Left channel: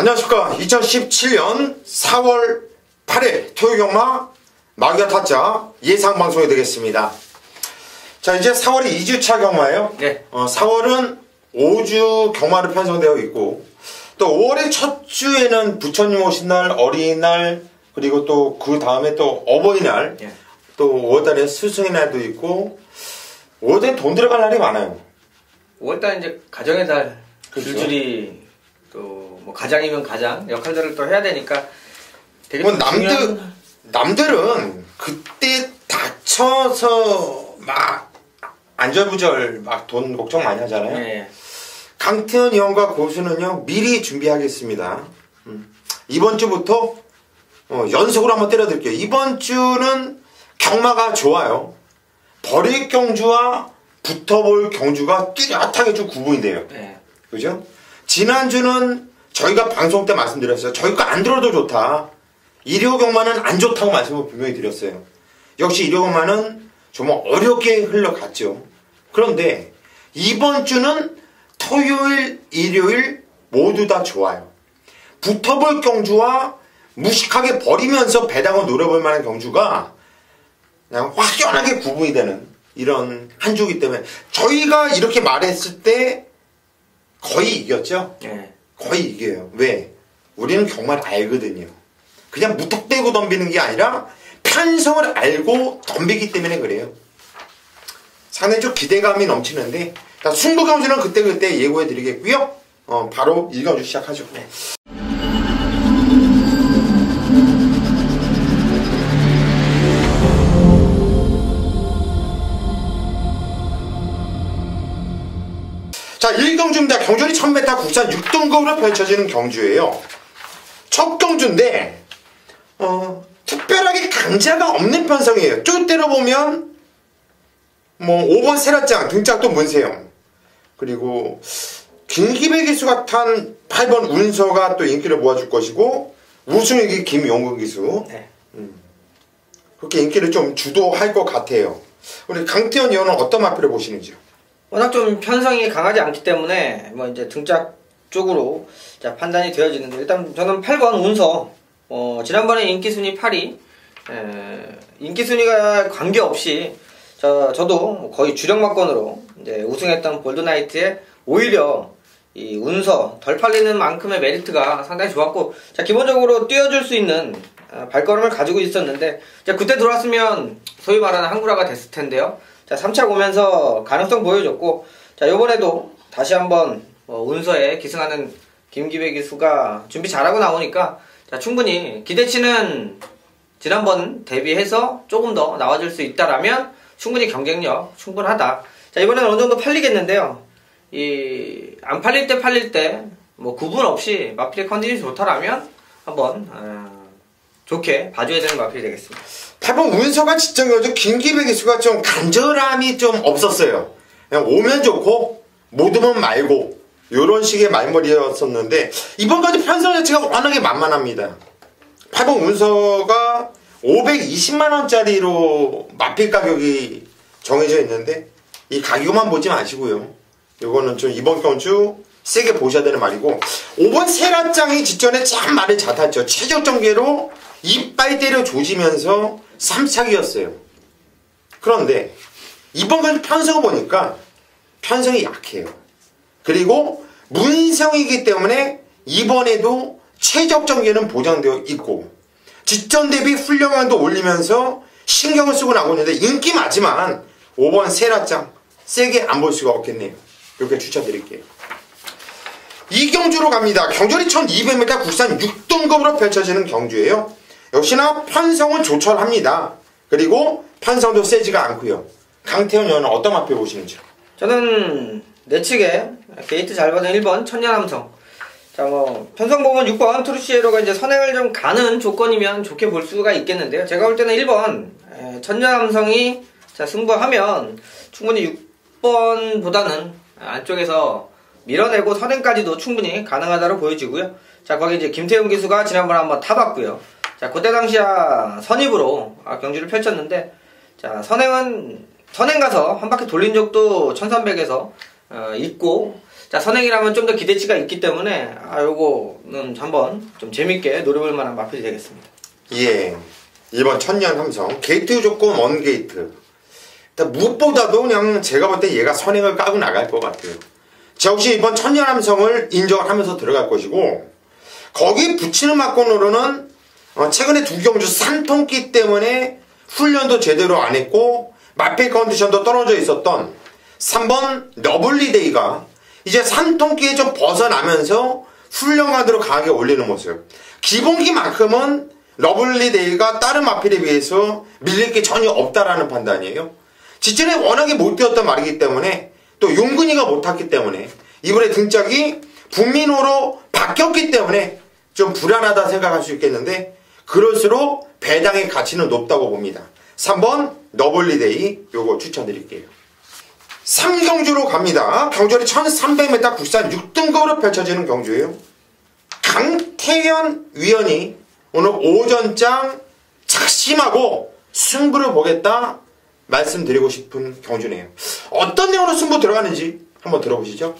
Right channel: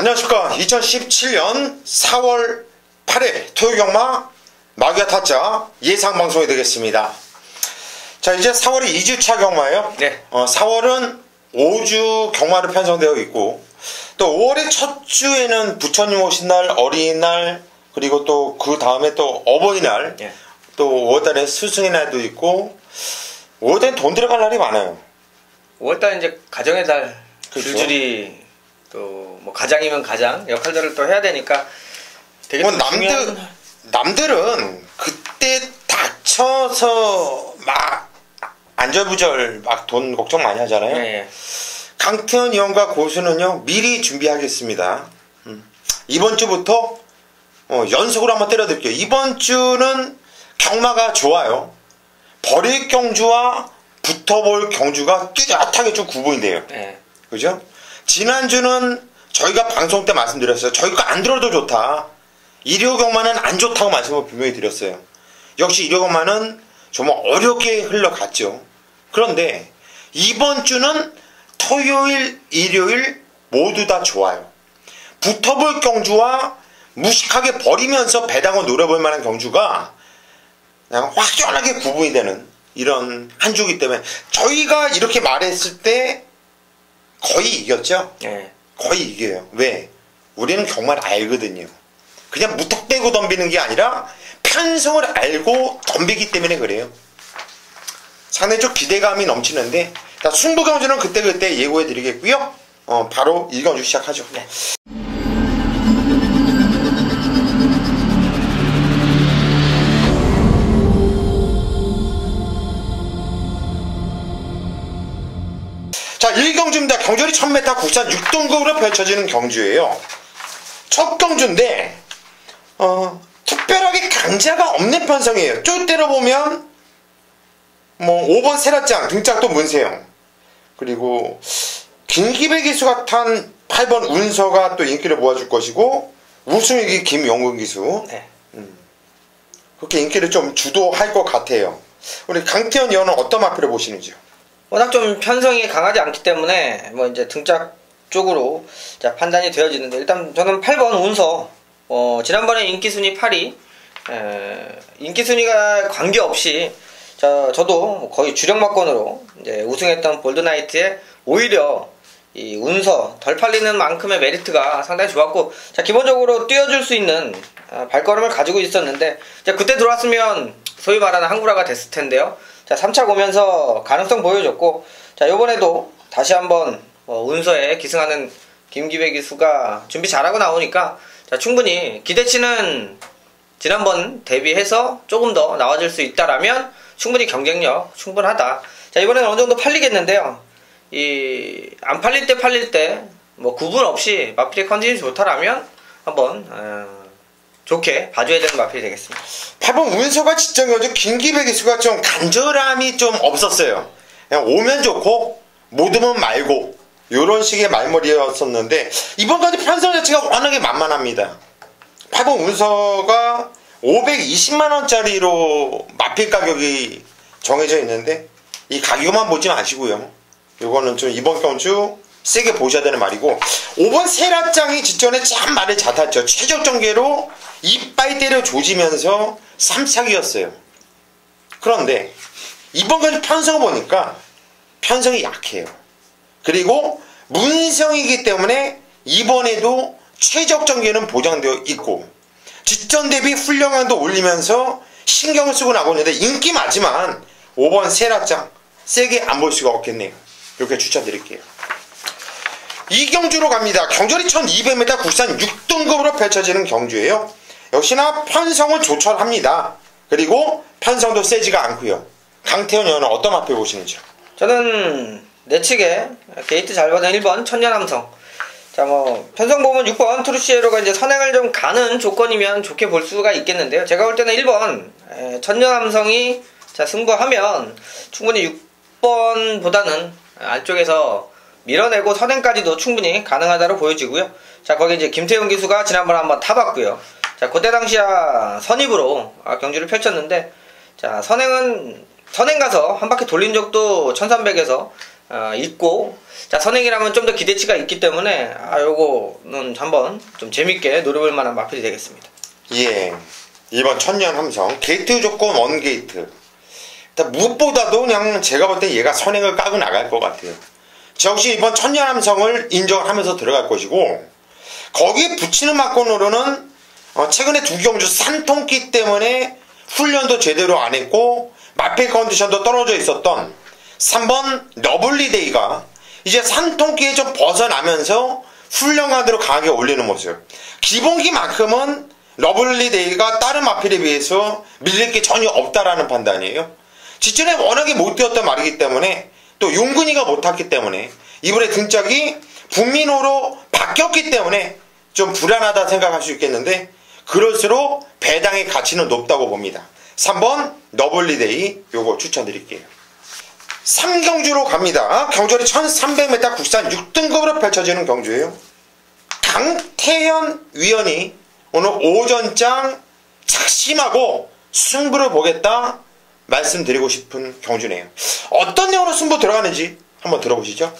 안녕하십니까. 2017년 4월 8일 토요경마 마귀와 타짜 예상방송이 되겠습니다. 자, 이제 4월이 2주차 경마예요. 네. 4월은 5주 경마로 편성되어 있고, 또 5월의 첫 주에는 부처님 오신 날, 어린이날, 그리고 또 그 다음에 또 어버이날, 네. 또 5월달에 스승의 날도 있고, 5월달에 돈 들어갈 날이 많아요. 5월달은 이제 가정의 달, 그렇죠. 줄줄이 또 뭐 가장이면 가장 역할들을 또 해야 되니까 되게 뭐 중요한... 남들은 그때 다쳐서 막 안절부절 막 돈 걱정 많이 하잖아요. 네. 강태현 의원과 고수는요 미리 준비하겠습니다. 이번 주부터 연속으로 한번 때려드릴게요. 이번 주는 경마가 좋아요. 버릴 경주와 붙어볼 경주가 뚜렷하게 좀 구분이 돼요. 네. 그죠? 지난주는 저희가 방송 때 말씀드렸어요. 저희가 안 들어도 좋다. 일요경마는 안 좋다고 말씀을 분명히 드렸어요. 역시 일요경마는 정말 어렵게 흘러갔죠. 그런데 이번 주는 토요일, 일요일 모두 다 좋아요. 붙어볼 경주와 무식하게 버리면서 배당을 노려볼 만한 경주가 그냥 확연하게 구분이 되는 이런 한 주이기 때문에 저희가 이렇게 말했을 때 거의 이겼죠? 네. 거의 이겨요. 왜? 우리는 경마를 알거든요. 그냥 무턱대고 덤비는 게 아니라 편성을 알고 덤비기 때문에 그래요. 상당히 좀 기대감이 넘치는데 승부경주는 그때그때 예고해 드리겠고요. 바로 1경주 시작하죠. 네. 자, 1경주입니다. 경주리 1000m 국산 6등급으로 펼쳐지는 경주예요. 첫 경주인데 특별하게 강자가 없는 편성이에요. 쭉 때려보면 뭐 5번 세라짱 등짝도 문세영, 그리고 김기배 기수가 탄 8번 운서가 또 인기를 모아줄 것이고, 우승위기 김용근 기수. 네. 그렇게 인기를 좀 주도할 것 같아요. 우리 강태현 의원은 어떤 마표를 보시는지요? 워낙 좀 편성이 강하지 않기 때문에 뭐 이제 등짝 쪽으로 자, 판단이 되어지는데, 일단 저는 8번 운서, 지난번에 인기순위 8위, 인기순위가 관계없이 저도 거의 주력마권으로 이제 우승했던 볼드나이트에 오히려 이 운서 덜 팔리는 만큼의 메리트가 상당히 좋았고, 자, 기본적으로 뛰어줄 수 있는 발걸음을 가지고 있었는데, 자, 그때 들어왔으면 소위 말하는 항구라가 됐을 텐데요. 자, 3차 오면서 가능성 보여줬고, 자, 요번에도 다시 한번 운서에 기승하는 김기배 기수가 준비 잘하고 나오니까, 자, 충분히 기대치는 지난번 대비해서 조금 더 나와줄 수 있다라면 충분히 경쟁력 충분하다. 자, 이번에는 어느 정도 팔리겠는데요. 안 팔릴 때 뭐 구분 없이 마필의 컨디션이 좋다라면 한번 좋게 봐줘야 되는 마필이 되겠습니다. 8번 운서가 지정이어서 김기배 기수가 좀 간절함이 좀 없었어요. 그냥 오면 좋고 못 오면 말고 이런 식의 말머리였었는데, 이번까지 편성 자체가 워낙에 만만합니다. 8번 운서가 520만원짜리로 마필 가격이 정해져 있는데, 이 가격만 보지 마시고요. 이거는 좀 이번 경주 세게 보셔야 되는 말이고, 5번 세라짱이 직전에 참 말을 잘 탔죠. 최적 전개로 이빨 때려 조지면서 3차기였어요. 그런데 이번 경주 편성을 보니까 편성이 약해요. 그리고 문성이기 때문에 이번에도 최적 전개는 보장되어 있고, 직전 대비 훈련량도 올리면서 신경을 쓰고 나고 있는데, 인기 많지만 5번 세라짱 세게 안 볼 수가 없겠네요. 이렇게 추천드릴게요. 이경주로 갑니다. 경주리 1200m 국산 6등급으로 펼쳐지는 경주예요. 역시나 편성은 조철합니다. 그리고 편성도 세지가 않고요. 강태현 의원은 어떤 마표 보시는지요? 저는 내측에 게이트 잘 받은 1번 천년함성. 자, 뭐 편성 보면 6번 트루시에로가 이제 선행을 좀 가는 조건이면 좋게 볼 수가 있겠는데요. 제가 볼 때는 1번 천년함성이 자, 승부하면 충분히 6번보다는 안쪽에서 밀어내고 선행까지도 충분히 가능하다고 보여지고요. 자, 거기 이제 김태용 기수가 지난번에 한번 타봤고요. 자, 그때 당시야 선입으로 경주를 펼쳤는데, 자, 선행 가서 한 바퀴 돌린 적도 1300에서 있고, 자, 선행이라면 좀 더 기대치가 있기 때문에, 요거는 한번 좀 재밌게 노려볼 만한 마필이 되겠습니다. 예. 이번 천년 함성. 게이트 조건 원 게이트. 일단 무엇보다도 그냥 제가 볼 때 얘가 선행을 까고 나갈 것 같아요. 역시 이번 천년 함성을 인정하면서 들어갈 것이고, 거기 붙이는 막건으로는 최근에 두 경주 3통기 때문에 훈련도 제대로 안 했고 마필 컨디션도 떨어져 있었던 3번 러블리데이가 이제 3통기에 좀 벗어나면서 훈련 가드로 강하게 올리는 모습. 기본기만큼은 러블리데이가 다른 마필에 비해서 밀릴 게 전혀 없다라는 판단이에요. 직전에 워낙에 못 뛰었단 말이기 때문에, 또 용근이가 못 탔기 때문에, 이번에 등짝이 북민호로 바뀌었기 때문에 좀 불안하다 생각할 수 있겠는데, 그럴수록 배당의 가치는 높다고 봅니다. 3번 러블리데이 요거 추천드릴게요. 3경주로 갑니다. 경주리 1300m 국산 6등급으로 펼쳐지는 경주예요. 강태현 위원이 오늘 오전장 착심하고 승부를 보겠다 말씀드리고 싶은 경주네요. 어떤 내용으로 승부 들어가는지 한번 들어보시죠.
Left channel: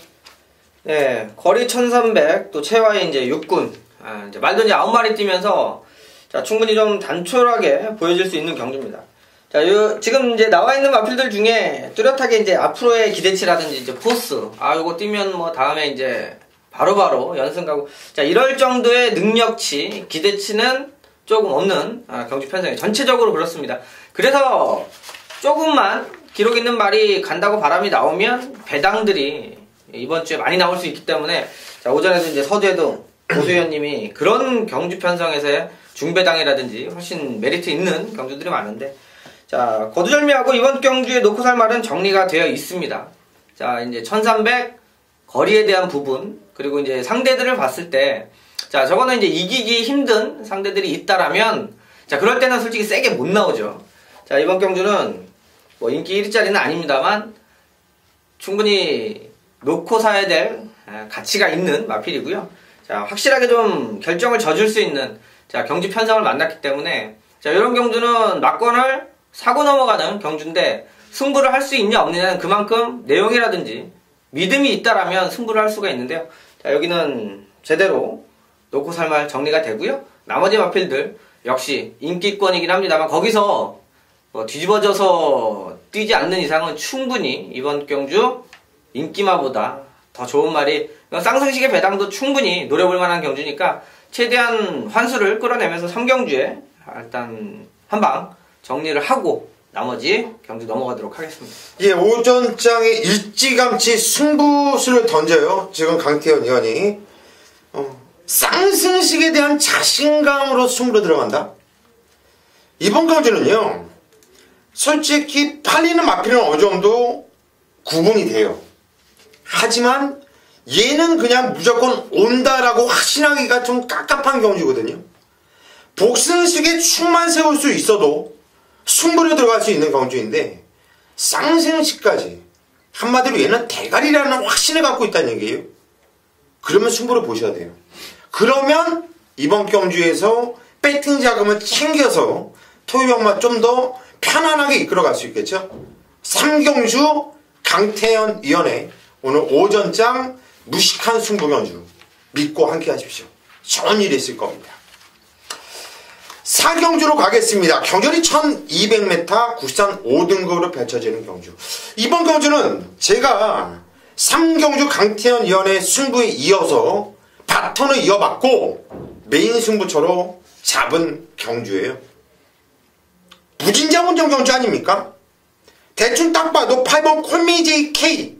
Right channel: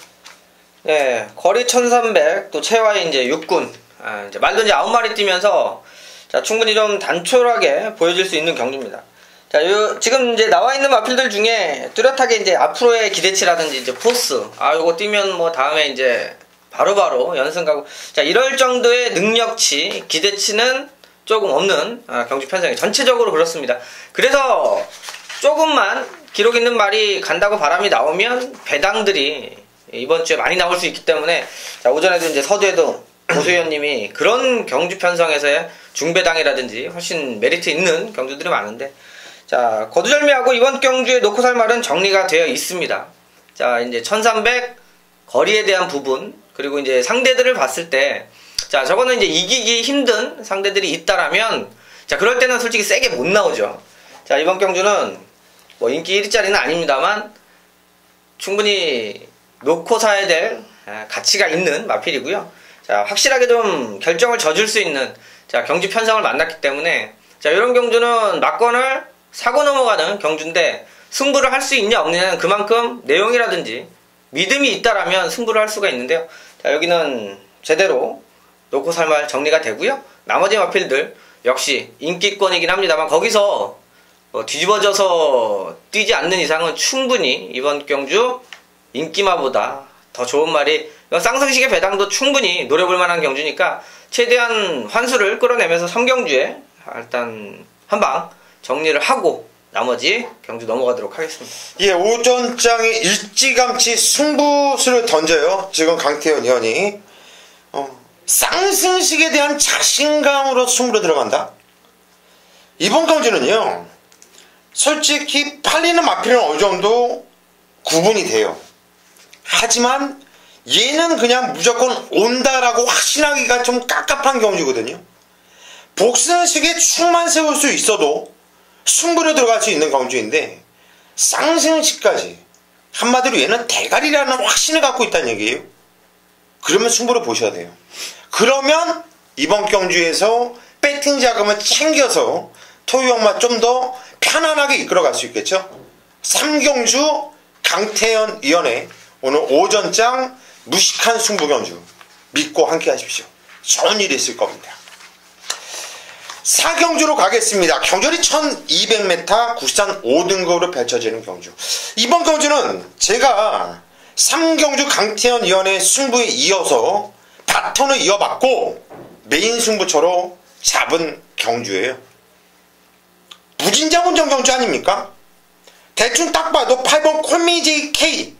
네, 거리 1300, 또 체와이 이제 6군, 이제 말도 이제 9마리 뛰면서, 자, 충분히 좀 단촐하게 보여질 수 있는 경주입니다. 자, 지금 이제 나와 있는 마필들 중에 뚜렷하게 이제 앞으로의 기대치라든지 이제 포스, 요거 뛰면 뭐 다음에 이제 바로바로 연승 가고, 자, 이럴 정도의 능력치, 기대치는 조금 없는 경주 편성이 전체적으로 그렇습니다. 그래서 조금만 기록 있는 말이 간다고 바람이 나오면 배당들이 이번 주에 많이 나올 수 있기 때문에, 자, 오전에도 이제 서두에도 고소위원님이 그런 경주 편성에서의 중배당이라든지 훨씬 메리트 있는 경주들이 많은데, 자, 거두절미하고 이번 경주에 놓고 살 말은 정리가 되어 있습니다. 자, 이제 1300 거리에 대한 부분, 그리고 이제 상대들을 봤을 때, 자, 저거는 이제 이기기 힘든 상대들이 있다라면, 자, 그럴 때는 솔직히 세게 못 나오죠. 자, 이번 경주는 뭐 인기 1위짜리는 아닙니다만 충분히 놓고 사야 될 가치가 있는 마필이고요. 자, 확실하게 좀 결정을 져줄 수 있는, 자, 경주 편성을 만났기 때문에, 자, 이런 경주는 막건을 사고 넘어가는 경주인데, 승부를 할 수 있냐 없느냐는 그만큼 내용이라든지 믿음이 있다라면 승부를 할 수가 있는데요. 자, 여기는 제대로 놓고 살 말 정리가 되고요. 나머지 마필들 역시 인기권이긴 합니다만, 거기서 뭐 뒤집어져서 뛰지 않는 이상은 충분히 이번 경주 인기마보다 더 좋은 말이, 쌍승식의 배당도 충분히 노려볼 만한 경주니까 최대한 환수를 끌어내면서 3경주에 일단 한방 정리를 하고 나머지 경주 넘어가도록 하겠습니다. 예, 오전장에 일찌감치 승부수를 던져요. 지금 강태현 의원이 쌍승식에 대한 자신감으로 승부로 들어간다. 이번 경주는요, 솔직히 팔리는 마필은 어느 정도 구분이 돼요. 하지만 얘는 그냥 무조건 온다라고 확신하기가 좀 깝깝한 경주거든요. 복승식에 축만 세울 수 있어도 승부로 들어갈 수 있는 경주인데, 쌍승식까지 한마디로 얘는 대가리라는 확신을 갖고 있다는 얘기예요. 그러면 승부를 보셔야 돼요. 그러면 이번 경주에서 배팅 자금을 챙겨서 토요형만 좀 더 편안하게 이끌어갈 수 있겠죠. 3경주 강태현 위원의 오늘 오전장 무식한 승부 경주 믿고 함께 하십시오. 좋은 일이 있을 겁니다. 4경주로 가겠습니다. 경주리 1200m 국산 5등급으로 펼쳐지는 경주. 이번 경주는 제가 3경주 강태현 위원의 승부에 이어서 바톤을 이어받고 메인 승부처로 잡은 경주예요. 무진장 운전 경주 아닙니까? 대충 딱 봐도 8번 콜미제이 K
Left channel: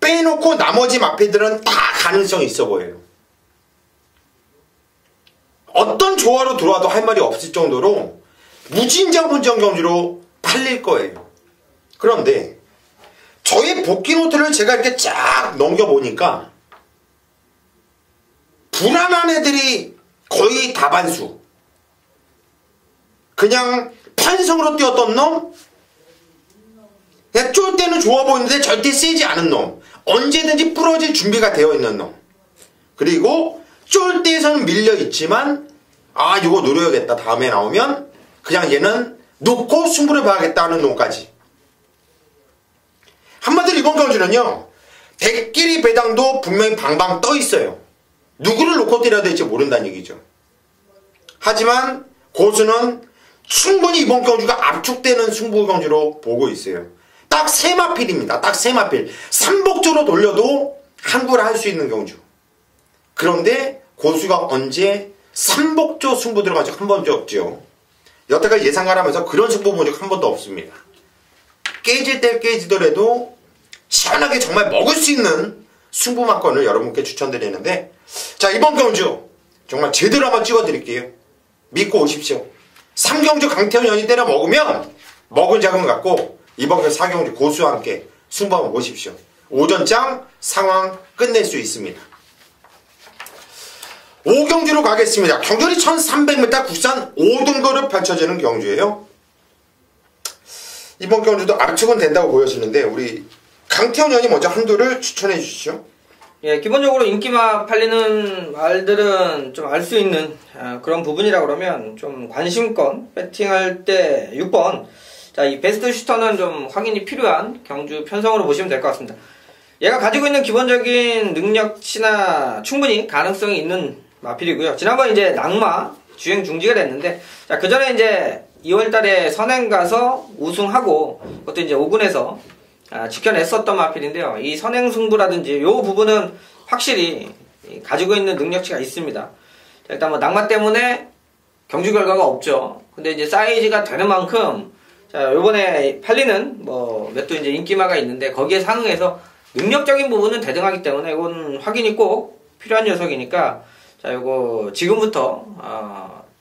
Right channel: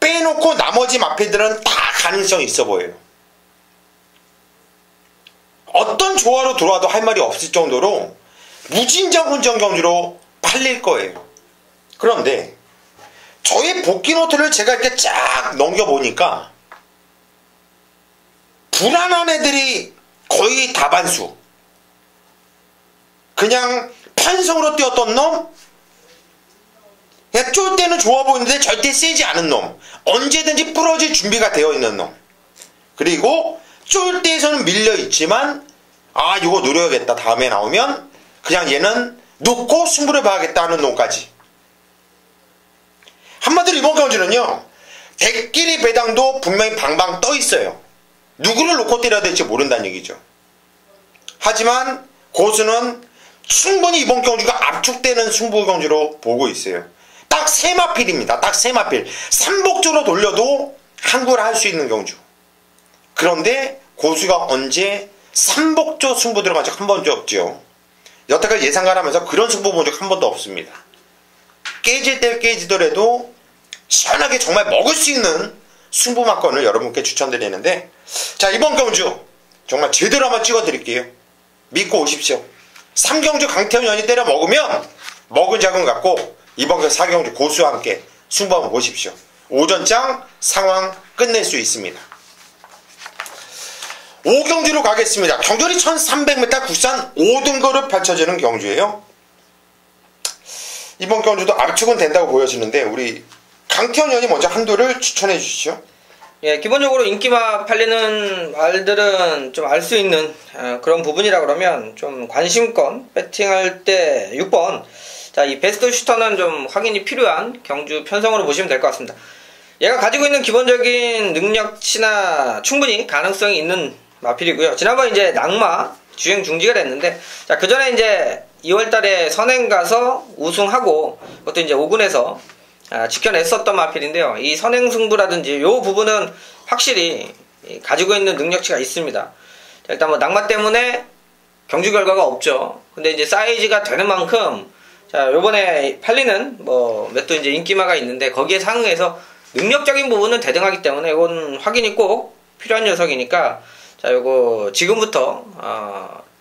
빼놓고 나머지 마필들은 다 가능성이 있어 보여요. 어떤 조화로 들어와도 할 말이 없을 정도로 무진장 운전 경주로 팔릴 거예요. 그런데 저희 복귀 노트를 제가 이렇게 쫙 넘겨보니까 불안한 애들이 거의 다반수. 그냥 판성으로 뛰었던 놈, 쫄 때는 좋아 보이는데 절대 세지 않은 놈, 언제든지 부러질 준비가 되어 있는 놈, 그리고 쫄 때에서는 밀려있지만 이거 노려야겠다, 다음에 나오면 그냥 얘는 놓고 승부를 봐야겠다 하는 놈까지. 한마디로 이번 경주는요, 대끼리 배당도 분명히 방방 떠 있어요. 누구를 놓고 때려야 될지 모른다는 얘기죠. 하지만 고수는 충분히 이번 경주가 압축되는 승부 경주로 보고 있어요. 딱 3마필입니다. 딱 3마필. 삼복조로 돌려도 항구를 할 수 있는 경주. 그런데 고수가 언제 삼복조 승부 들어간 적 한 번도 없죠. 여태까지 예상가라면서 그런 승부 본 적 한 번도 없습니다. 깨질 때 깨지더라도 시원하게 정말 먹을 수 있는 승부만권을 여러분께 추천드리는데, 자, 이번 경주 정말 제대로 한번 찍어드릴게요. 믿고 오십시오. 3경주 강태현이 때려 먹으면 먹은 자금 갖고 이번 4경주 고수와 함께 승부 한번 보십시오. 오전장 상황 끝낼 수 있습니다. 5경주로 가겠습니다. 경주리 1300m 국산 5등급으로 펼쳐지는 경주예요. 이번 경주도 압축은 된다고 보여지는데 우리 강태현 의원이 먼저 한도를 추천해 주시죠. 예, 기본적으로 인기마 팔리는 말들은 좀 알 수 있는 그런 부분이라 그러면 좀 관심권 배팅할 때 6번. 자, 이 베스트 슈터는 좀 확인이 필요한 경주 편성으로 보시면 될 것 같습니다. 얘가 가지고 있는 기본적인 능력치나 충분히 가능성이 있는 마필이고요. 지난번 이제 낙마 주행 중지가 됐는데, 자, 그 전에 이제 2월달에 선행 가서 우승하고 그것도 이제 5군에서 지켜냈었던 마필인데요. 이 선행 승부라든지 이 부분은 확실히 가지고 있는 능력치가 있습니다. 자, 일단 뭐 낙마 때문에 경주 결과가 없죠. 근데 이제 사이즈가 되는 만큼, 자, 요번에 팔리는 뭐 몇 도 이제 인기마가 있는데 거기에 상응해서 능력적인 부분은 대등하기 때문에 이건 확인이 꼭 필요한 녀석이니까, 자, 요거 지금부터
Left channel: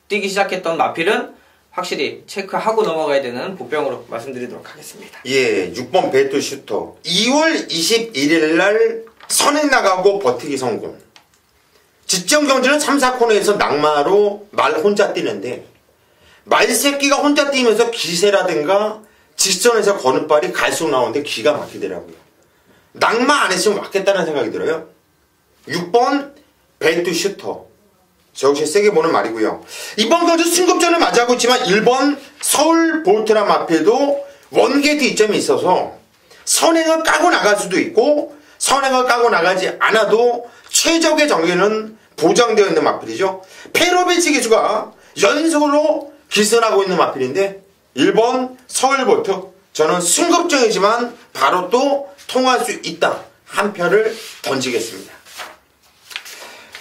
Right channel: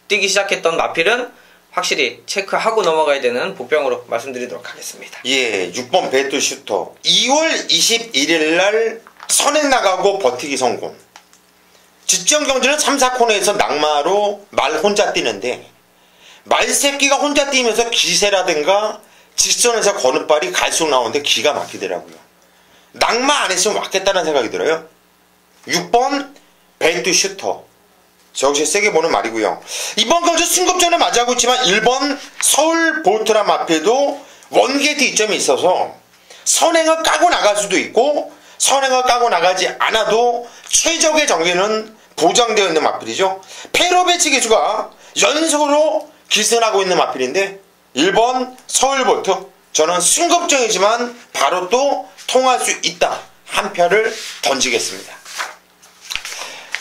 뛰기 시작했던 마필은 확실히 체크하고 넘어가야 되는 복병으로 말씀드리도록 하겠습니다. 예, 6번 배트 슈터. 2월 21일 날 선행 나가고 버티기 성공. 직전 경주는 3, 4코너에서 낙마로 말 혼자 뛰는데, 말새끼가 혼자 뛰면서 기세라든가 직선에서 거는 발이 갈수록 나오는데 기가 막히더라고요. 낙마 안 했으면 왔겠다는 생각이 들어요. 6번 배트 슈터. 역시 세게 보는 말이고요. 이번 경주 승급전을 맞이하고 있지만 1번 서울 볼트라 마필도 원게이트 이점이 있어서 선행을 까고 나갈 수도 있고 선행을 까고 나가지 않아도 최적의 정리는 보장되어 있는 마필이죠. 페로베치 기수가 연속으로 기선하고 있는 마필인데 1번 서울 볼트, 저는 승급전이지만 바로 또 통할 수 있다. 한 표를 던지겠습니다.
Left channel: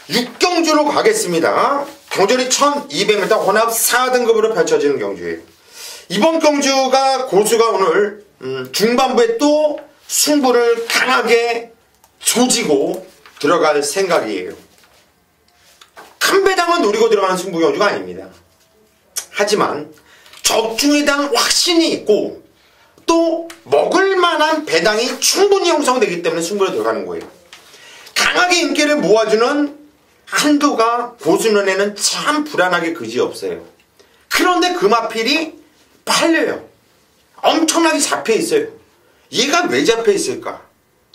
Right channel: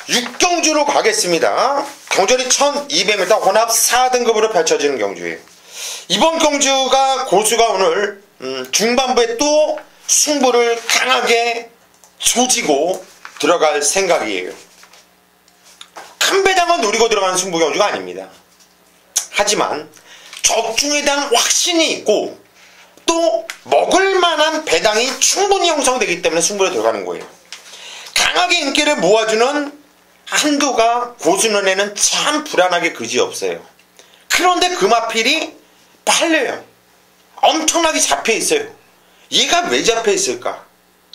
6경주로 가겠습니다. 경주리 1200m 혼합 4등급으로 펼쳐지는 경주예요. 이번 경주가 고수가 오늘 중반부에 또 승부를 강하게 조지고 들어갈 생각이에요. 큰 배당은 노리고 들어가는 승부 경주가 아닙니다. 하지만 적중에 대한 확신이 있고 또 먹을만한 배당이 충분히 형성되기 때문에 승부에 들어가는 거예요. 강하게 인기를 모아주는 한도가 고수 눈에는 참 불안하게 그지없어요. 그런데 그 마필이 팔려요. 엄청나게 잡혀있어요. 얘가 왜 잡혀있을까?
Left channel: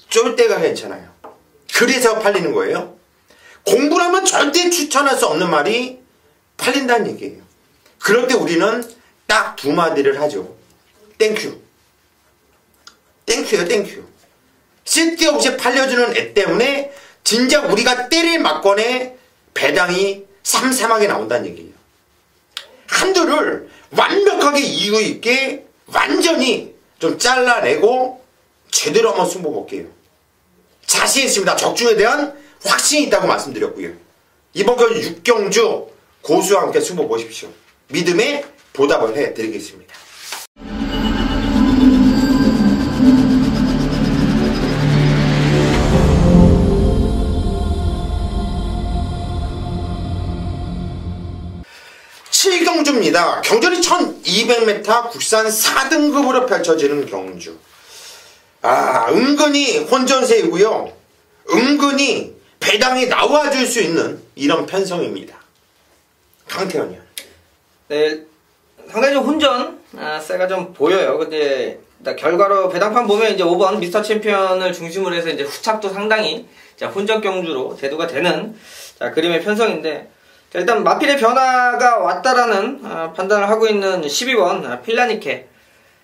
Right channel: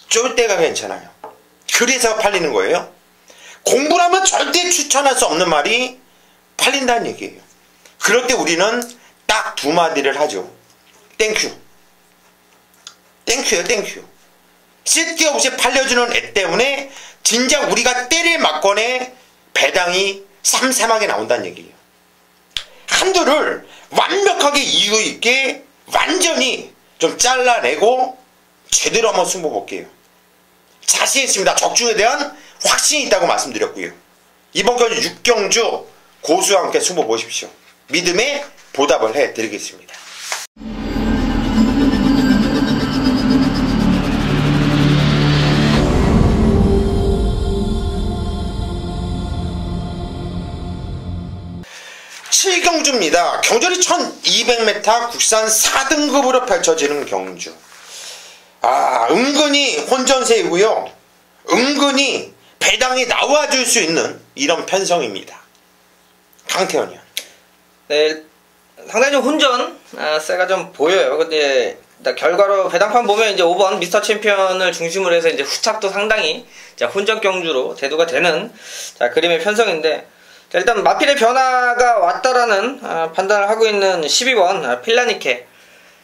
쫄 때가 괜찮아요. 그래서 팔리는 거예요. 공부를 하면 절대 추천할 수 없는 말이 팔린다는 얘기예요. 그럴 때 우리는 딱 2마디를 하죠. 땡큐. 땡큐요, 땡큐. 쓸데없이 팔려주는 애 때문에 진작 우리가 때릴 막건에 배당이 삼삼하게 나온다는 얘기예요. 한도를 완벽하게 이유 있게 완전히 좀 잘라내고 제대로 한번 승부 볼게요. 자신 있습니다. 적중에 대한 확신이 있다고 말씀드렸고요. 이번 경주 6경주 고수와 함께 승부 보십시오. 믿음에 보답을 해드리겠습니다. 경주입니다. 경주리 1200m 국산 4등급으로 펼쳐지는 경주. 은근히 혼전세이고요. 은근히 배당이 나와줄 수 있는 이런 편성입니다. 강태현이요. 네, 상당히 좀 혼전 세가 좀 보여요. 근데 결과로 배당판 보면 이제 5번 미스터 챔피언을 중심으로 해서 이제 후착도 상당히 혼전 경주로 대두가 되는 그림의 편성인데, 일단 마필의 변화가 왔다라는 판단을 하고 있는 12번 필라니케.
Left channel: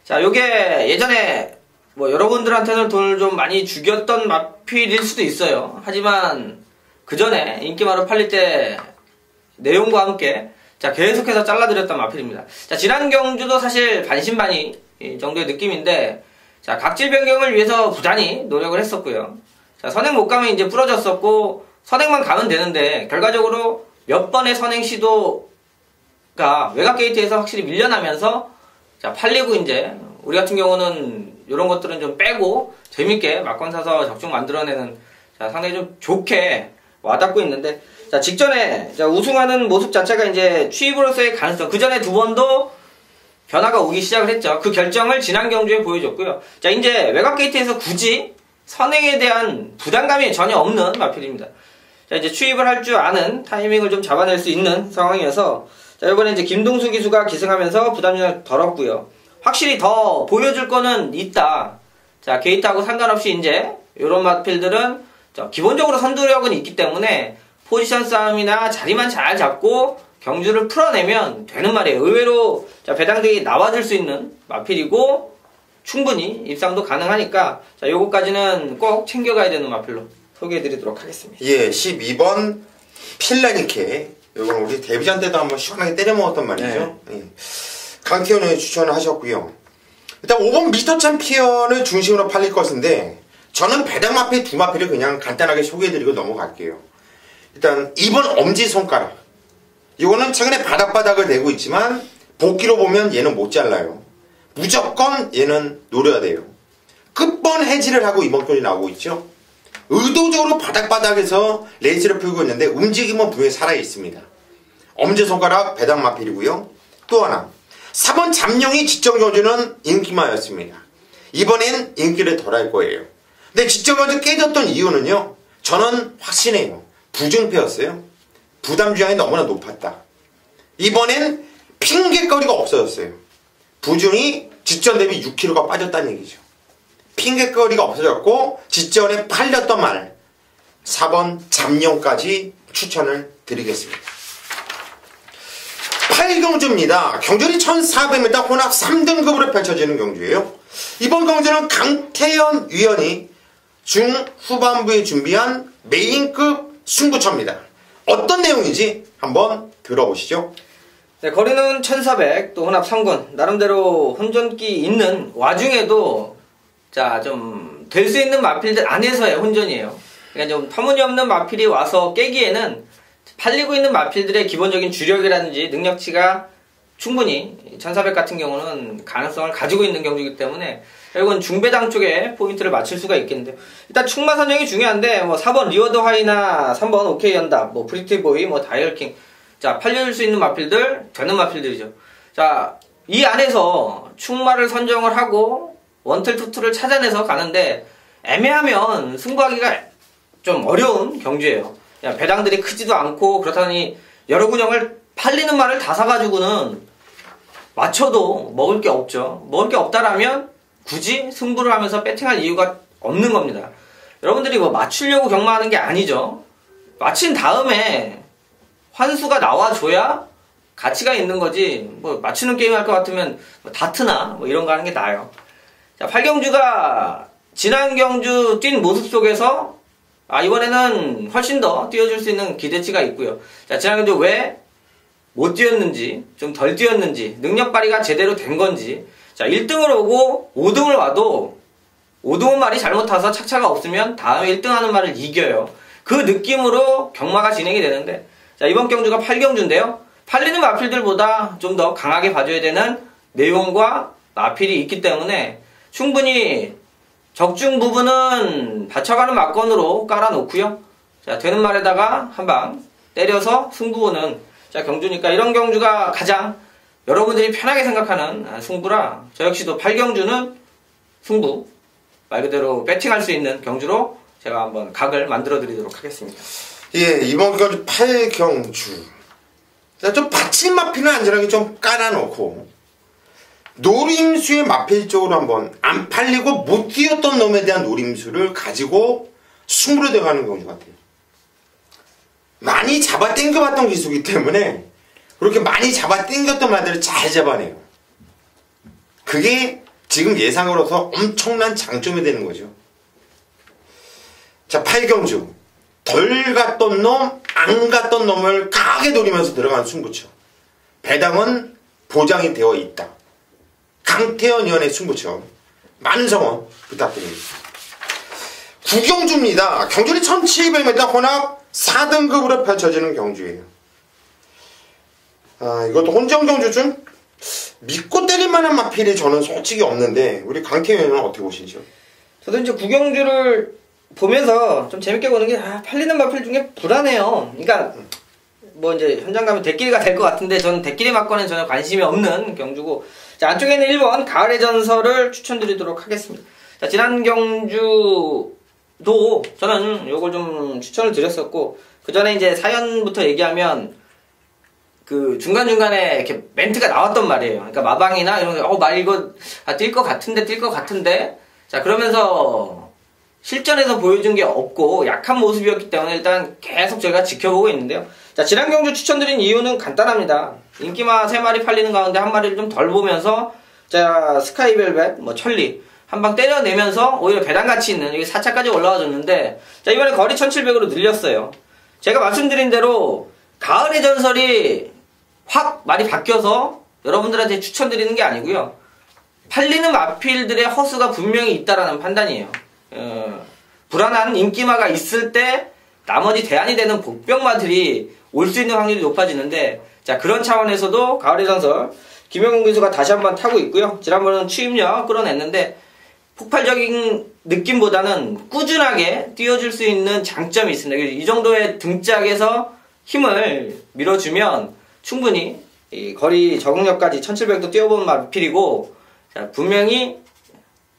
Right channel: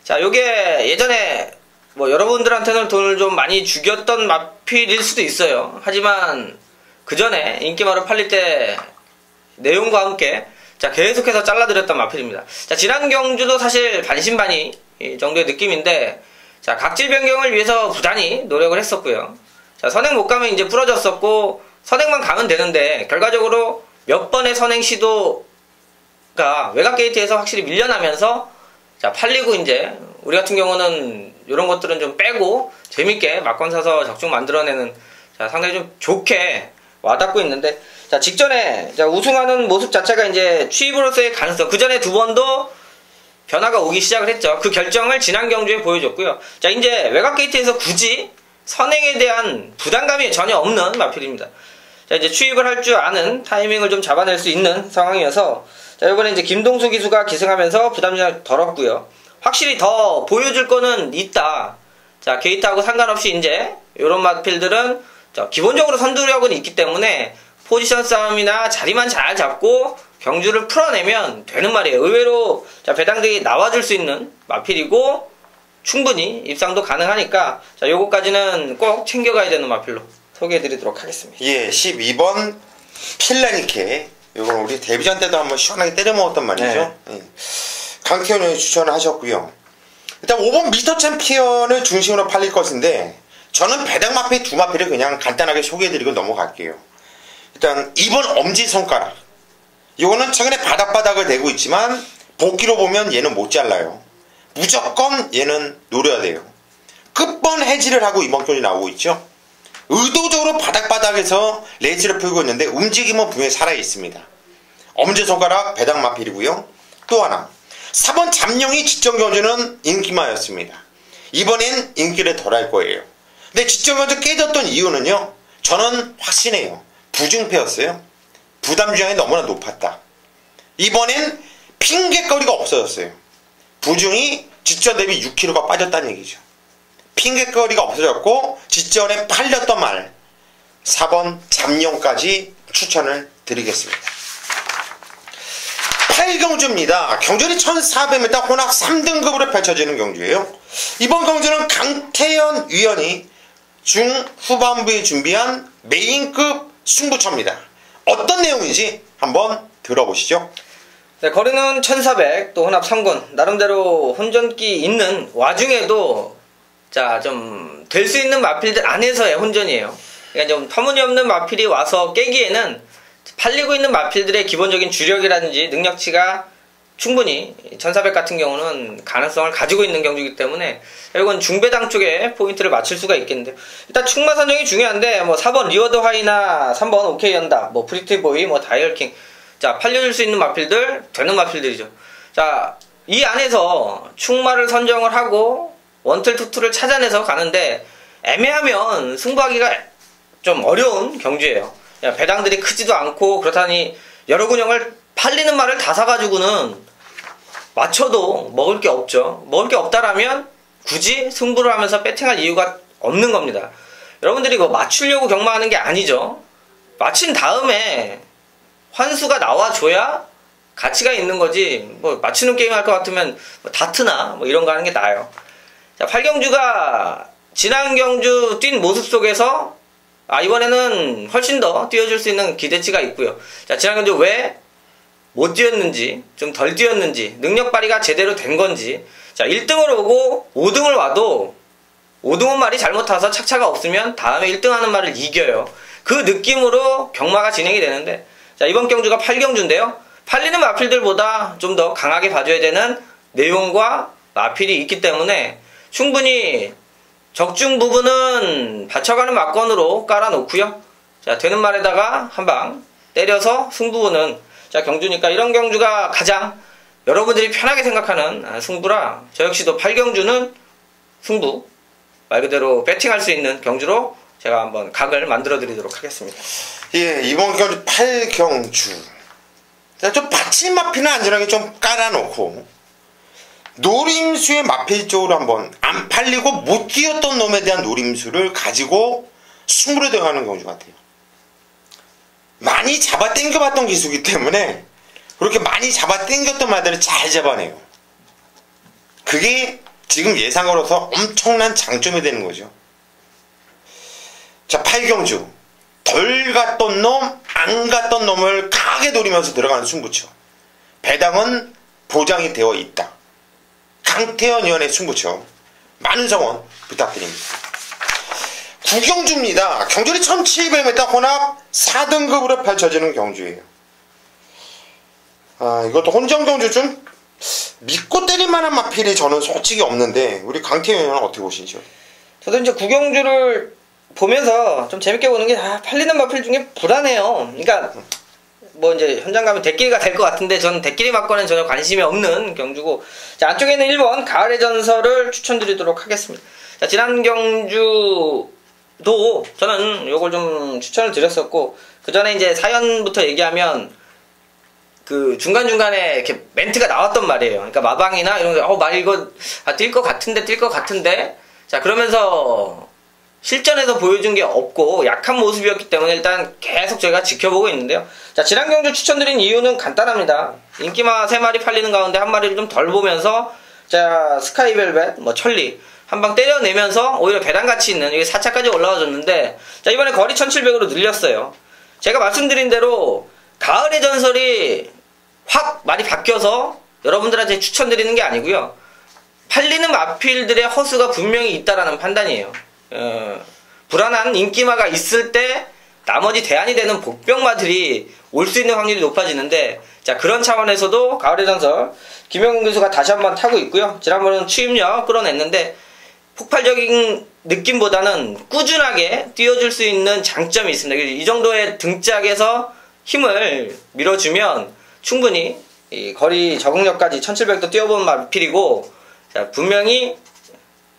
자, 요게 예전에 뭐 여러분들한테는 돈을 좀 많이 죽였던 마필일 수도 있어요. 하지만 그 전에 인기마로 팔릴 때 내용과 함께 자 계속해서 잘라드렸던 마필입니다. 자 지난 경주도 사실 반신반의 이 정도의 느낌인데 자 각질 변경을 위해서 부단히 노력을 했었고요. 자 선행 못 가면 이제 부러졌었고 선행만 가면 되는데 결과적으로 몇 번의 선행 시도가 외곽 게이트에서 확실히 밀려나면서 자 팔리고 이제 우리 같은 경우는 이런 것들은 좀 빼고 재밌게 막권 사서 적중 만들어내는 자 상당히 좀 좋게 와닿고 있는데 자 직전에 자 우승하는 모습 자체가 이제 취입으로서의 가능성 그 전에 두 번도 변화가 오기 시작을 했죠. 그 결정을 지난 경주에 보여줬고요. 자 이제 외곽 게이트에서 굳이 선행에 대한 부담감이 전혀 없는 마필입니다. 자 이제 취입을 할 줄 아는 타이밍을 좀 잡아낼 수 있는 상황이어서 자 이번에 이제 김동수 기수가 기승하면서 부담이 덜었고요. 확실히 더 보여줄 거는 있다. 자 게이트하고 상관없이 이제 이런 마필들은 기본적으로 선두력은 있기 때문에 포지션 싸움이나 자리만 잘 잡고 경주를 풀어내면 되는 말이에요. 의외로 자 배당들이 나와줄 수 있는 마필이고 충분히 입상도 가능하니까 자 요거까지는 꼭 챙겨가야 되는 마필로 소개해드리도록 하겠습니다. 예, 12번 필라니케. 이건 우리 데뷔전 때도 한번 시원하게 때려 먹었단 말이죠. 네. 예. 강태현 형이 추천을 하셨고요. 일단 5번 미스터 챔피언을 중심으로 팔릴 것인데 저는 배당 마필 두 마필을 그냥 간단하게 소개해드리고 넘어갈게요. 일단 2번 엄지손가락. 이거는 최근에 바닥바닥을 내고 있지만 복귀로 보면 얘는 못 잘라요. 무조건 얘는 노려야 돼요. 끝번 해지를 하고 이번 경기 나오고 있죠. 의도적으로 바닥바닥에서 레이스를 풀고 있는데 움직임은 분명히 살아있습니다. 엄지손가락 배당 마필이고요. 또 하나 4번 잠룡이 직전 경주는 인기마였습니다. 이번엔 인기를 덜 할 거예요. 근데 직전 경주 깨졌던 이유는요. 저는 확신해요. 부중패였어요. 부담 주량이 너무나 높았다. 이번엔 핑계거리가 없어졌어요. 부중이 직전 대비 6kg가 빠졌다는 얘기죠. 핑계거리가 없어졌고 직전에 팔렸던 말 4번 잠룡까지 추천을 드리겠습니다. 8경주입니다. 경주는 1400m 혼합 3등급으로 펼쳐지는 경주예요. 이번 경주는 강태현 위원이 중후반부에 준비한 메인급 승부처입니다. 어떤 내용인지 한번 들어보시죠. 네, 거리는 1400, 또 혼합 3군. 나름대로 혼전기 있는 와중에도 자, 좀 될 수 있는 마필들 안에서의 혼전이에요. 그러니까 좀 터무니없는 마필이 와서 깨기에는 팔리고 있는 마필들의 기본적인 주력이라든지 능력치가 충분히 1400 같은 경우는 가능성을 가지고 있는 경주이기 때문에 결국은 중배당 쪽에 포인트를 맞출 수가 있겠는데 일단 충마 선정이 중요한데 뭐 4번 리워드 하이나 3번 오케이 연다 뭐 브리티보이 뭐 다이얼킹 자 팔려줄 수 있는 마필들 되는 마필들이죠. 자 이 안에서 충마를 선정을 하고 원틀 투투를 찾아내서 가는데 애매하면 승부하기가 좀 어려운 경주예요. 배당들이 크지도 않고 그렇다니 여러 군형을 팔리는 말을 다 사가지고는 맞춰도 먹을 게 없죠. 먹을 게 없다라면 굳이 승부를 하면서 배팅할 이유가 없는 겁니다. 여러분들이 뭐 맞추려고 경마하는 게 아니죠. 맞힌 다음에 환수가 나와줘야 가치가 있는 거지 뭐 맞추는 게임 할 것 같으면 뭐 다트나 뭐 이런 거 하는 게 나아요. 자, 8경주가 지난 경주 뛴 모습 속에서 이번에는 훨씬 더 뛰어줄 수 있는 기대치가 있고요. 자, 지난 경주 왜 못 뛰었는지, 좀 덜 뛰었는지, 능력 발휘가 제대로 된 건지. 자, 1등을 오고 5등을 와도 5등은 말이 잘못 타서 착차가 없으면 다음에 1등 하는 말을 이겨요. 그 느낌으로 경마가 진행이 되는데, 자, 이번 경주가 8경주인데요. 팔리는 마필들보다 좀 더 강하게 봐줘야 되는 내용과 마필이 있기 때문에 충분히 적중 부분은 받쳐가는 막건으로 깔아놓고요. 자, 되는 말에다가 한 방 때려서 승부는 자, 경주니까 이런 경주가 가장 여러분들이 편하게 생각하는 승부라 저 역시도 8경주는 승부 말 그대로 배팅할 수 있는 경주로 제가 한번 각을 만들어 드리도록 하겠습니다. 예, 이번 경주 8경주. 좀 받칠 마필은 안전하게 좀 깔아놓고 노림수의 마필 쪽으로 한번 안 팔리고 못 뛰었던 놈에 대한 노림수를 가지고 승부로 들어가는 경주 같아요. 많이 잡아 당겨봤던 기수이기 때문에 그렇게 많이 잡아 당겼던 말들을 잘 잡아내요. 그게 지금 예상으로서 엄청난 장점이 되는 거죠. 자, 8경주. 덜 갔던 놈, 안 갔던 놈을 강하게 노리면서 들어가는 승부처. 배당은 보장이 되어 있다. 강태현 의원의 승부처. 많은 성원 부탁드립니다. 9경주입니다. 경주는 1700m 혼합 4등급으로 펼쳐지는 경주예요. 이것도 혼정 경주 중 믿고 때릴 만한 마필이 저는 솔직히 없는데 우리 강태현 의원은 어떻게 보시죠? 저도 이제 9경주를 보면서 좀 재밌게 보는 게 팔리는 마필 중에 불안해요. 그러니까 뭐 이제 현장 가면 대끼리가 될 것 같은데 저는 대끼리 맞고는 전혀 관심이 없는 경주고, 자, 안쪽에는 1번 가을의 전설을 추천드리도록 하겠습니다. 자, 지난 경주도 저는 요걸 좀 추천을 드렸었고, 그 전에 이제 사연부터 얘기하면 그 중간중간에 이렇게 멘트가 나왔단 말이에요. 그러니까 마방이나 이런 거, 말 이거 뛸 것 같은데 자, 그러면서 실전에서 보여준 게 없고 약한 모습이었기 때문에 일단 계속 저희가 지켜보고 있는데요. 자, 지난 경주 추천드린 이유는 간단합니다. 인기마 3마리 팔리는 가운데 한 마리를 좀 덜 보면서, 자, 스카이벨벳, 뭐 천리 한 방 때려내면서 오히려 배당가치 있는 이게 4차까지 올라와줬는데, 자, 이번에 거리 1700으로 늘렸어요. 제가 말씀드린 대로 가을의 전설이 확 많이 바뀌어서 여러분들한테 추천드리는 게 아니고요. 팔리는 마필들의 허수가 분명히 있다라는 판단이에요. 불안한 인기마가 있을 때 나머지 대안이 되는 복병마들이 올 수 있는 확률이 높아지는데, 자, 그런 차원에서도 가을의 전설 김영근 교수가 다시 한번 타고 있고요. 지난번은 추임력 끌어냈는데 폭발적인 느낌보다는 꾸준하게 뛰어줄 수 있는 장점이 있습니다. 이 정도의 등짝에서 힘을 밀어주면 충분히 이 거리 적응력까지 1700도 뛰어본 마필이고, 자, 분명히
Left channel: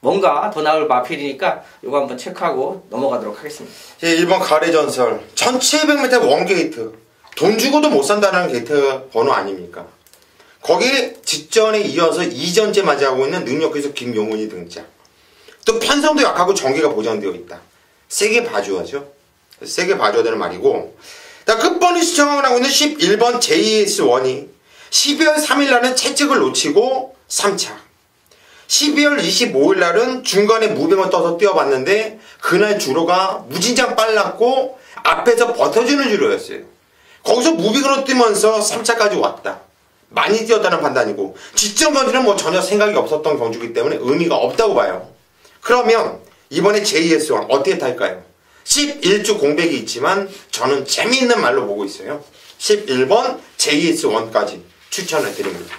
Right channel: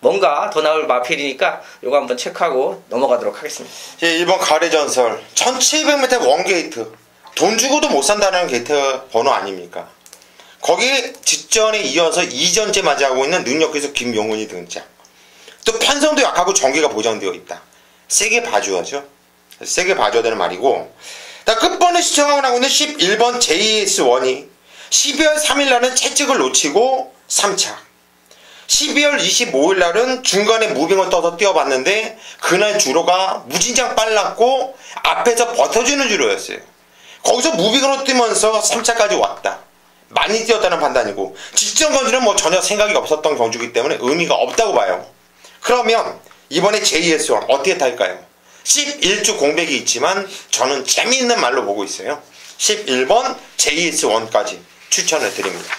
뭔가 더 나올 마필이니까 요거 한번 체크하고 넘어가도록 하겠습니다. 예, 1번 가을의 전설 1700m 원게이트, 돈 주고도 못 산다는 게이트 번호 아닙니까? 거기에 직전에 이어서 2전째 맞이하고 있는 능력기수 김용훈이 등장. 또 편성도 약하고 전개가 보장되어 있다. 세게 봐줘야죠. 세게 봐줘야 되는 말이고, 끝번에 시청하고 나오고 있는 11번 JS1이 12월 3일날은 채찍을 놓치고 3차, 12월 25일날은 중간에 무빙을 떠서 뛰어봤는데 그날 주로가 무진장 빨랐고 앞에서 버텨주는 주로였어요. 거기서 무빙으로 뛰면서 3차까지 왔다. 많이 뛰었다는 판단이고, 직전 경주는 뭐 전혀 생각이 없었던 경주이기 때문에 의미가 없다고 봐요. 그러면 이번에 JS1 어떻게 탈까요? 11주 공백이 있지만 저는 재미있는 말로 보고 있어요. 11번 JS1까지 추천을 드립니다.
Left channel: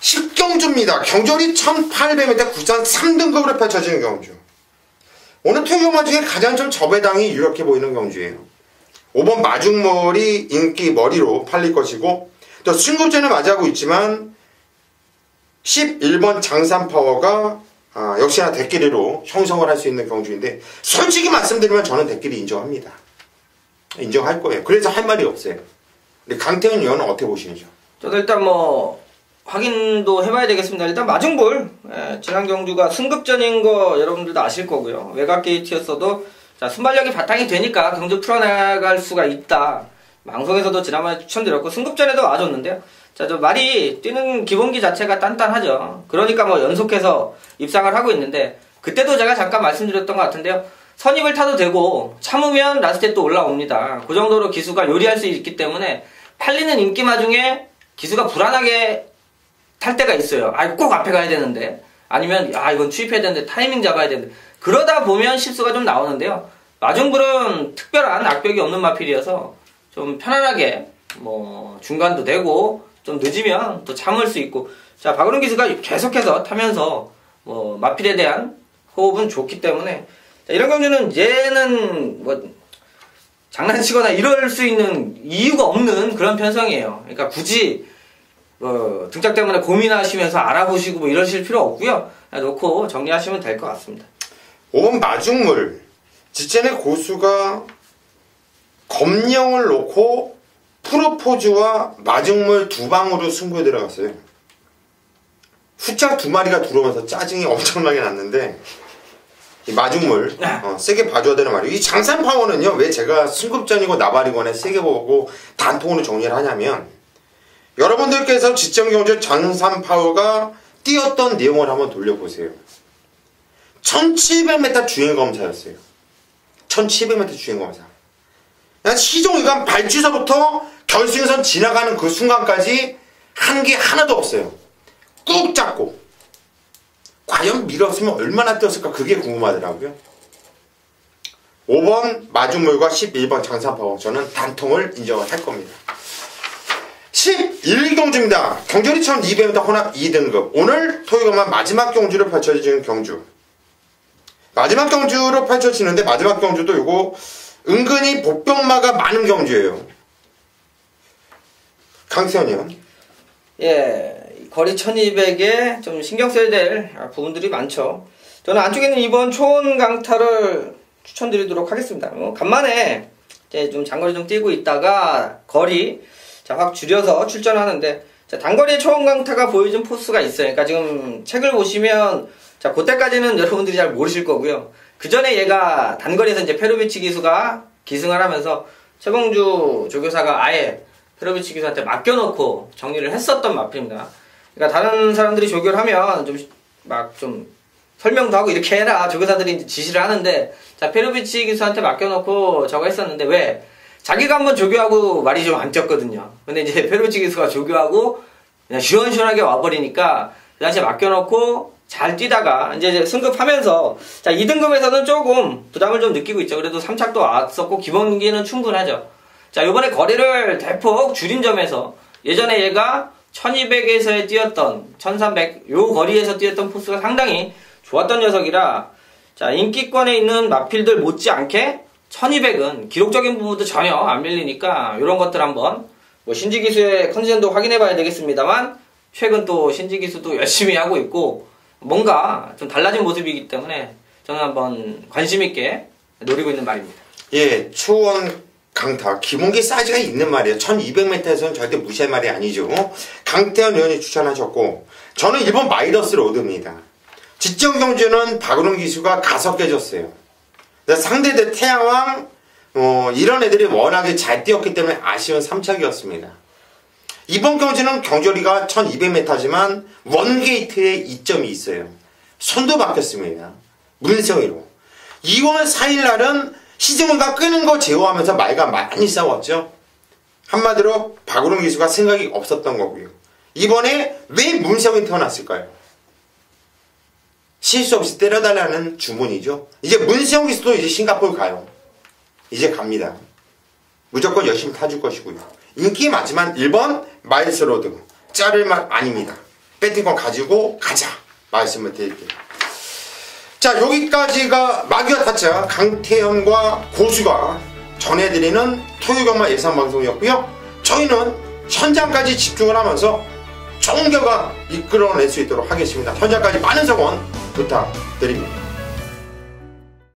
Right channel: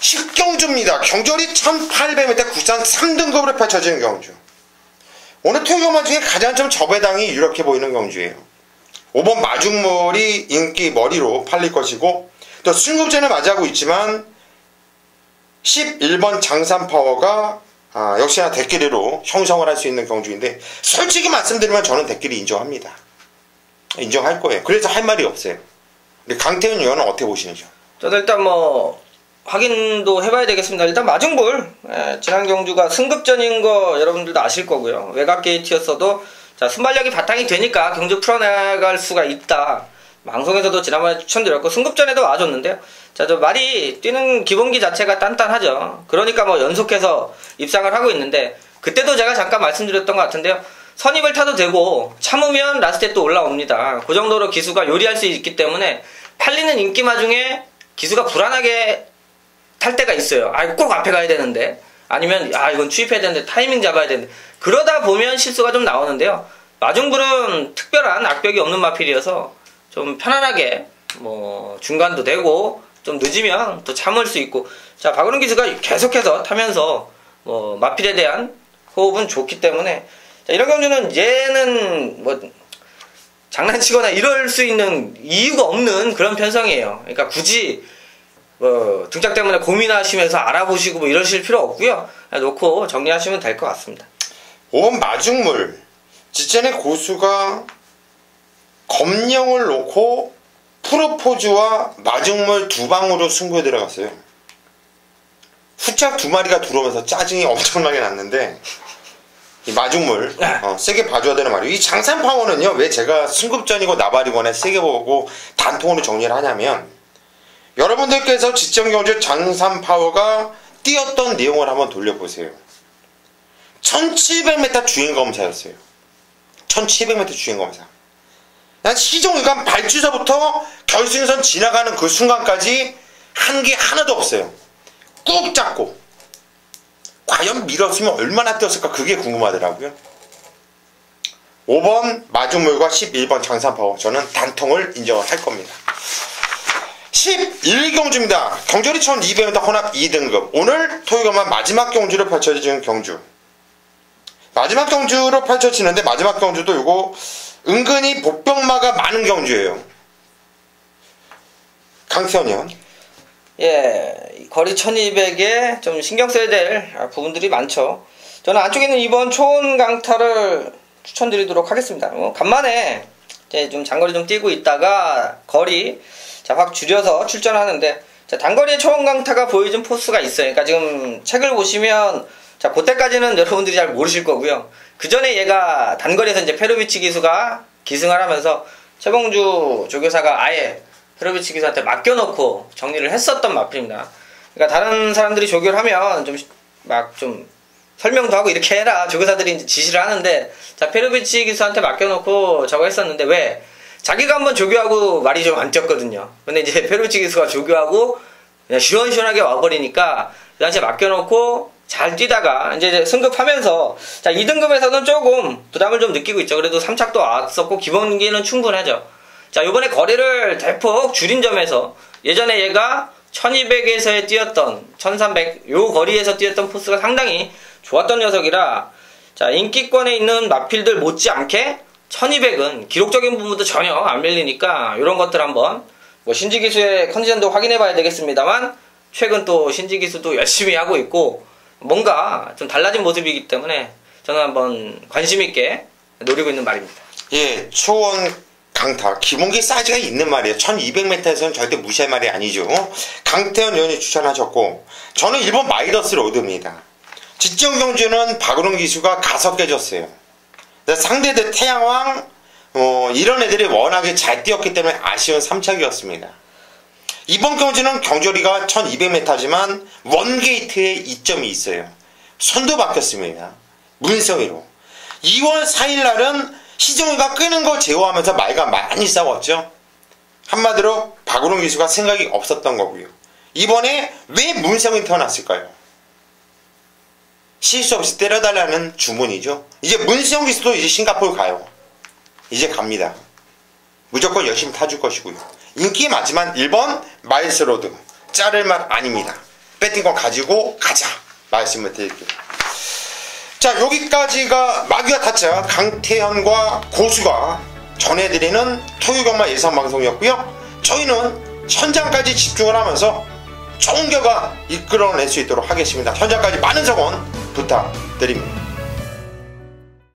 10경주입니다. 경주리 1800m 국산 3등급으로 펼쳐지는 경주. 오늘 투경마 중에 가장 좀 저배당이 유력해 보이는 경주예요. 5번 마중머리 인기 머리로 팔릴 것이고, 또 승급전을 맞이하고 있지만 11번 장산파워가 역시나 대끼리로 형성을 할 수 있는 경주인데, 솔직히 말씀드리면 저는 대끼리 인정합니다. 인정할 거예요. 그래서 할 말이 없어요. 근데 강태훈 의원은 어떻게 보시는지요? 저도 일단 뭐 확인도 해봐야 되겠습니다. 일단 마중불, 지난 경주가 승급전인 거 여러분들도 아실 거고요. 외곽 게이트였어도 자, 순발력이 바탕이 되니까 경주 풀어나갈 수가 있다. 방송에서도 지난번에 추천드렸고 승급전에도 와줬는데요. 자, 저 말이 뛰는 기본기 자체가 단단하죠. 그러니까 뭐 연속해서 입상을 하고 있는데, 그때도 제가 잠깐 말씀드렸던 것 같은데요. 선입을 타도 되고 참으면 라스트에 또 올라옵니다. 그 정도로 기수가 요리할 수 있기 때문에 팔리는 인기마 중에 기수가 불안하게 탈 때가 있어요. 꼭 앞에 가야 되는데, 아니면 이건 추입해야 되는데 타이밍 잡아야 되는데, 그러다 보면 실수가 좀 나오는데요. 마중불은 특별한 악벽이 없는 마필이어서 좀 편안하게 뭐 중간도 되고 좀 늦으면 또 참을 수 있고, 자, 박은훈 기수가 계속해서 타면서 뭐 마필에 대한 호흡은 좋기 때문에, 자, 이런 경주는 얘는 뭐 장난치거나 이럴 수 있는 이유가 없는 그런 편성이에요. 그러니까 굳이 뭐 등짝 때문에 고민하시면서 알아보시고 뭐 이러실 필요 없고요. 놓고 정리하시면 될 것 같습니다. 5번 마중물, 직전에 고수가 검령을 놓고 프로포즈와 마중물 두 방으로 승부에 들어갔어요. 후짝 두 마리가 들어오면서 짜증이 엄청나게 났는데, 이 마중물 세게 봐줘야 되는 말이에요. 이 장산파워는요, 왜 제가 승급전이고 나발이거나 세게 보고 단통으로 정리를 하냐면, 여러분들께서 지정경주 장산파워가 뛰었던 내용을 한번 돌려보세요. 1700m 주행검사였어요. 1700m 주행검사. 시종일관 발주서부터 결승선 지나가는 그 순간까지 한 게 하나도 없어요. 꾹 잡고. 과연 밀었으면 얼마나 뛰었을까 그게 궁금하더라고요. 5번 마중물과 11번 장산파워 저는 단통을 인정을 할 겁니다. 11경주입니다. 경주리 1200m 혼합 2등급. 오늘 토요일만 마지막 경주로 펼쳐지는 경주. 마지막 경주로 펼쳐지는데 마지막 경주도 이거 은근히 복병마가 많은 경주예요. 강태현 의원. 예, 거리 1200에 좀 신경 써야 될 부분들이 많죠. 저는 안쪽에는 이번 초원 강타를 추천드리도록 하겠습니다. 간만에 이제 좀 장거리 좀 뛰고 있다가 거리 확 줄여서 출전하는데, 단거리 초원 강타가 보여준 포스가 있어요. 그러니까 지금 책을 보시면 그때까지는 여러분들이 잘 모르실 거고요. 그 전에 얘가 단거리에서 이제 페로비치 기수가 기승을 하면서 최봉주 조교사가 아예 페로비치 기수한테 맡겨놓고 정리를 했었던 마필입니다. 그러니까 다른 사람들이 조교를 하면 좀 설명도 하고 이렇게 해라 조교사들이 이제 지시를 하는데, 페로비치 기수한테 맡겨놓고 저거 했었는데, 왜? 자기가 한번 조교하고 말이 좀 안 뛰었거든요. 근데 이제 페로비치 기수가 조교하고 그냥 시원시원하게 와버리니까 그 당시에 맡겨놓고 잘 뛰다가 이제 승급하면서 2등급에서는 조금 부담을 좀 느끼고 있죠. 그래도 3착도 왔었고 기본기는 충분하죠. 요번에 거리를 대폭 줄인 점에서 예전에 얘가 1200에서 뛰었던 1300 요 거리에서 뛰었던 포스가 상당히 좋았던 녀석이라, 인기권에 있는 마필들 못지않게 1200은 기록적인 부분도 전혀 안 밀리니까 이런 것들 한번 신지 기수의 컨디션도 확인해 봐야 되겠습니다만, 최근 또 신지 기수도 열심히 하고 있고 뭔가 좀 달라진 모습이기 때문에 저는 한번 관심 있게 노리고 있는 말입니다. 예, 초원 강타 기본기 사이즈가 있는 말이에요. 1200m에서는 절대 무시할 말이 아니죠. 강태현 의원이 추천하셨고, 저는 1번 마이너스 로드입니다. 직전 경주는 박은홍 기수가 가서 깨졌어요. 상대대 태양왕 이런 애들이 워낙에 잘 뛰었기 때문에 아쉬운 3착이었습니다. 이번 경주는 경주리가 1200m지만 원게이트에 이점이 있어요. 선도 바뀌었습니다. 문성이로. 2월 4일날은 시종이가 끄는 거 제어하면서 말과 많이 싸웠죠. 한마디로 박은홍 기수가 생각이 없었던 거고요. 이번에 왜 문성이 태어났을까요? 실수 없이 때려달라는 주문이죠. 이제 문성 기수도 이제 싱가포르 가요. 이제 갑니다. 무조건 열심히 타줄 것이고요. 인기 많지만 1번 마일스로드 자를 말 아닙니다. 배팅권 가지고 가자 말씀을 드릴게요. 자, 여기까지가 마귀와 타짜 강태현과 고수가 전해드리는 토요일경마 예상방송이었고요. 저희는 현장까지 집중을 하면서 좋은 결과 이끌어낼 수 있도록 하겠습니다. 현장까지 많은 성원 부탁드립니다.